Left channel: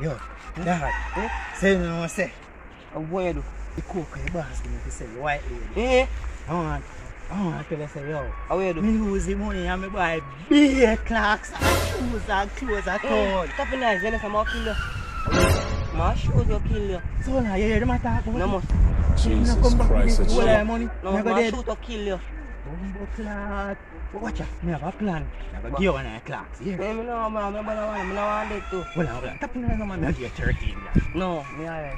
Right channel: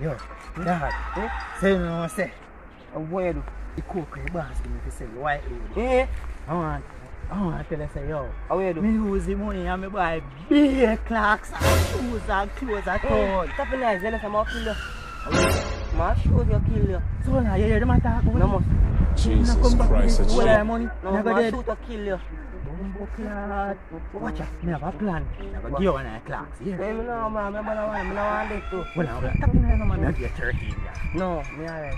Yo, Dad. Say no say. What you do? The coke the boss give me to sell the white lady. Eh? I want to tell you say yo. How you do? Me use the money and me buy big clocks and shoes and clothes and all. Stop it nice, then I'm kill you. My shoes will kill you. So now you hear them attack about No more. Jesus Christ, that's All shit. that money. No, Me go my dead. shoes will kill you. Bumbo clock. Watch out. Me have a plan. I go give you one of the clocks. Here. Hey, me no man, me no want that too. Well, I'm like, tap in there, man. I'll give you 13. No, me alright.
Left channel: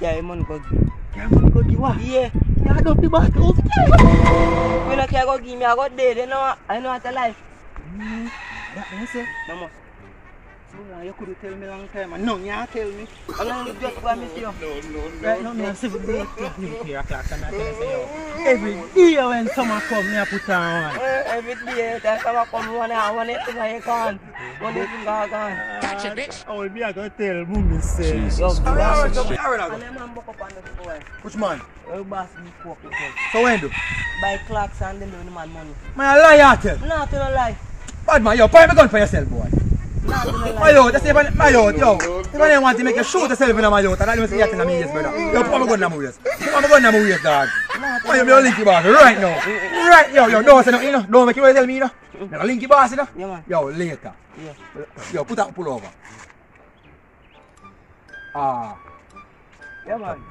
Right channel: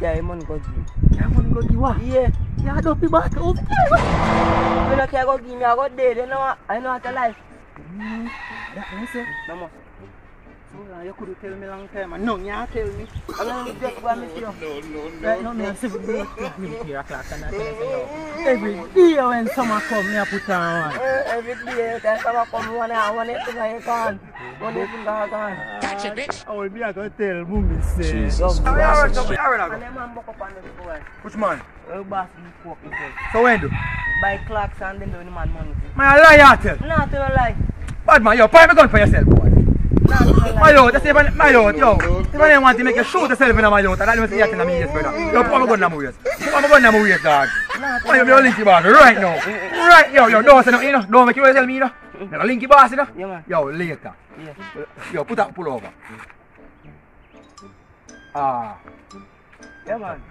Yeah, you money go give. Yeah, man, go give what? Yeah. Yeah, don't be bad. Oh, You no care go give me, I go dead. You know, I know how to life. that you say? No more. So you could tell me long time. No, you can't tell me. I'm not going to just promise you. Right now, me a 7 o'clock and I tell you, say, yo, every day when summer come, me a put on one. Every day, that's how I come one hour, one thing I can't. One thing I can't. Catch it, bitch. I will be a go tell Mummy say. Jesus Christ, that's shit. And then man buck up on this boy. Which man? Your boss me cook it. So when do? Buy clocks and then do the man money. Man, a lie tell. Nah, tell a lie. Bad man, yo, point me gun for yourself, boy. Nah, tell a lie. My youth, just say, my youth, yo. If I want to make you shoot yourself in my youth, and that you see you in my ears, brother. Yo, put my gun in my ears. Put my gun in my ears, dog. Why you be a linky boss right now? Right, yo, don't say nothing, you know. Don't make you tell me, you know. You're a linky boss, you know. Yeah, man. Yo, later. Yeah. Yo, pull over. Ah. Yeah, man.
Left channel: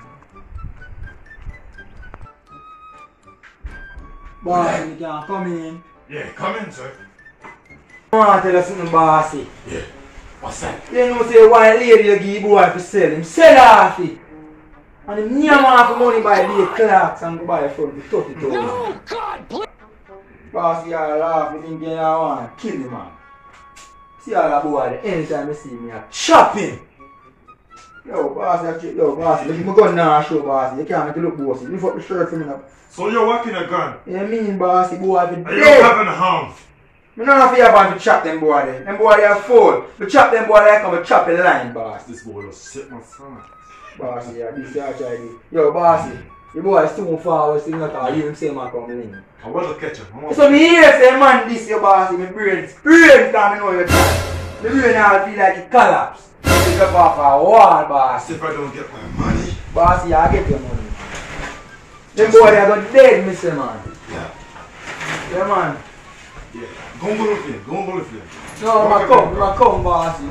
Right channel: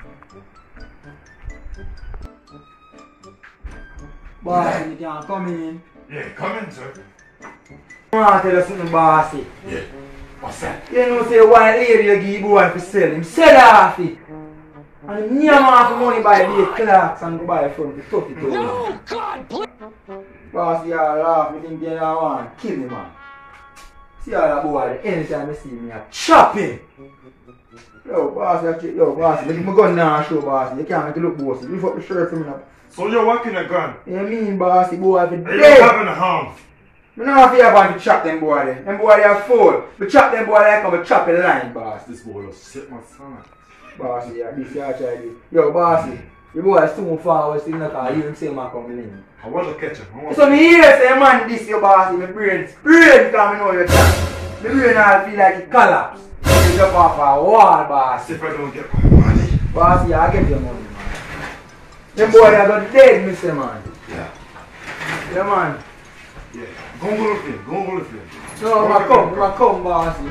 Boss, you can come in. Yeah, come in, sir. I want to tell you something, bossy. Yeah. What's that? You know, say white lady you give boy to sell him. Sell off it. And him near man for money buy the clocks and go buy from the 32. No, God, please. Boss, you all laugh, you think you want to kill me, man. See all that boy, anytime you see me, I chop him. Yo, boss, look at my gun now, show, boss. You can't make it look bossy. Lift up the shirt for me now. So you're walking a gun? You mean, bossy, boy, if And you you're dead. having a hound? I don't fear about to chop them boy there. Them boy they are full. We chop them boy like come we chop a line, boss. This boy will sit my stomach. Bossy, yeah, this guy try this. Yo, bossy, the boy is too far away, still not call you him say man come in. I want to catch him. So me hear say man this your bossy, my brain time know your time. My brain all feel like it collapse. You jump off a wall, bossy. If I don't get my money. Bossy, I get your money, man. Them boy they are going dead, Mr. Man. Yeah. Yeah, man. Yeah. Go with him. Go with him. No, I come, bossy.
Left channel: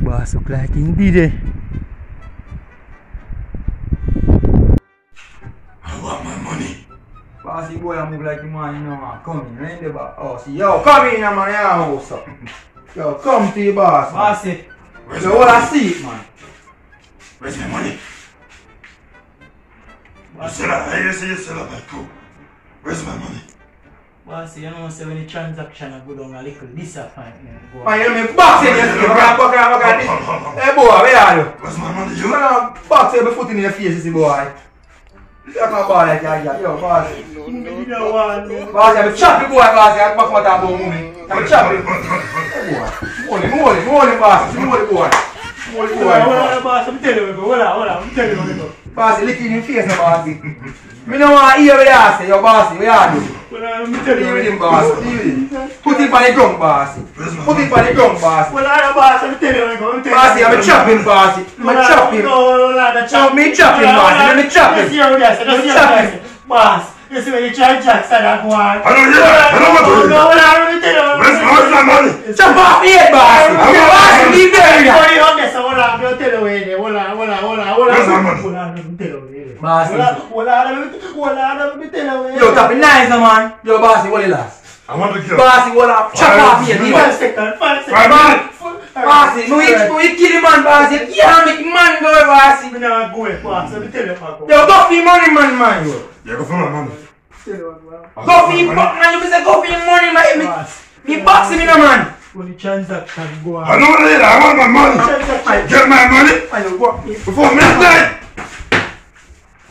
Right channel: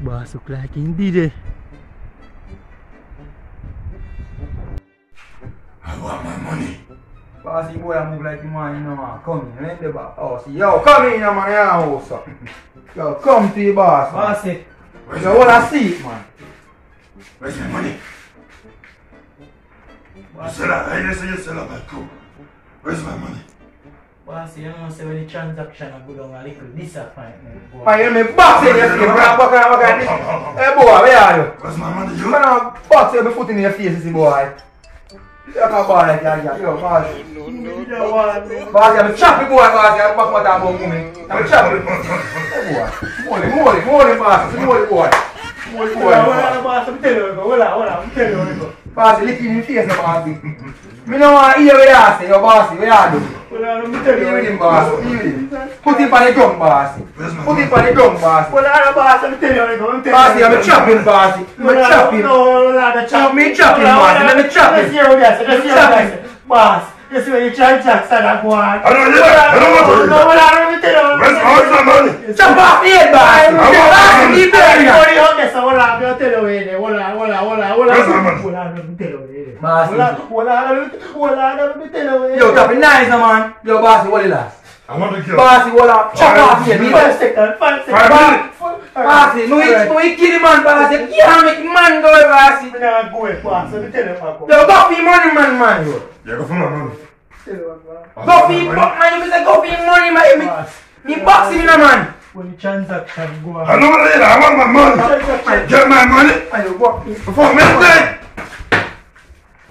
Boss look like he did it. I want my money. Bossy boy, I move like the man, you know, man. Come in, right the boss. Oh, see, yo, come in, man, your house. Yo, come to your boss. Bossy. Where's Yo, my what I money? see it, man. Where's my money? You said you said I'm like cool. Where's my money? Boss, you know, say when the transaction I go down a little disappointment. Man, you me box in your face, bro. Back at this. Hey, boy, where are you? Where's my money? You man, box your foot in your face, see, boy. You have a ball like that, yo, boss. Boss, I'm a choppy boy, boss. I'm back my time, boy. I'm a choppy. Hey, boy. More, boss. More, boy. More, boy. Boss, I'm telling you, hold on, I'm telling you. Boss, licking in face, no, boss. Me no want to hear what you say, yo, boss. What you do? I'm Deal with him, boss. Deal with him. Put him on the ground, boss. Put him on the ground, boss. Well, I'm boss, I'm telling you, Bossy, I'm a chopping, bossy. I'm a chopping. No, me chopping, bossy. Let me chop him. Boss, you see when you try Jackson and go on. I don't want to do that. Where's my money? Chop off the head, bossy. Bossy, leave there. Where's my Yo, copy nice, man. Yo, bossy, what you last? I want to kill. Bossy, what up? Chop off the head. 5 seconds. Bossy, no, you kill him, man, bossy. You can't make man go, bossy. I'm not going, boss. Let me tell you, Yo, go for your money, man, yo. Yeah, go for my money. Go for your man. You say go for your money, man. Me boxing in a man. When the transaction go on. I don't want to eat. I want my money. Get my money before midnight.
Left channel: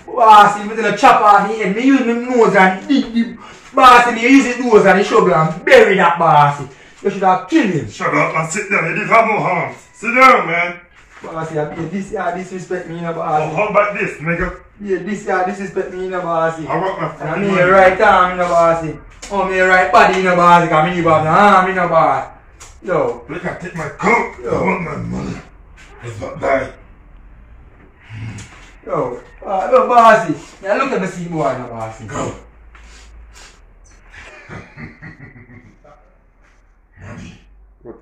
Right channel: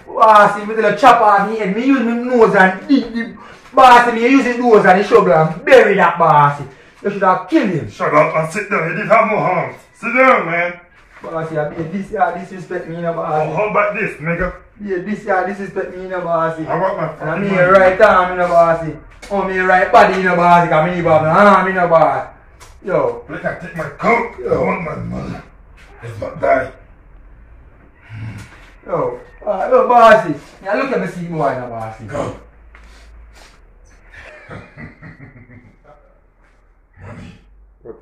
Bossy, me tell you chop off the head. Me use my nose and dig the bossy. Me use his nose and the shovel and bury that bossy. You should have killed him. Shut up and sit down. You didn't have no harm. Sit down, man. Bossy, I disrespect me, you know, bossy. How about this, nigga? Yeah, this guy disrespect me, you know, bossy. I want my And I fucking mean money. right arm, you know, bossy. Oh, me right body, you know, bossy. Cause me got no arm, you know, boss. Yo. Look, I take my coat. I want my money. It's not die. Yo. Yo, bossy. Yeah, look at the seat boy, you know, bossy. Go. Money. What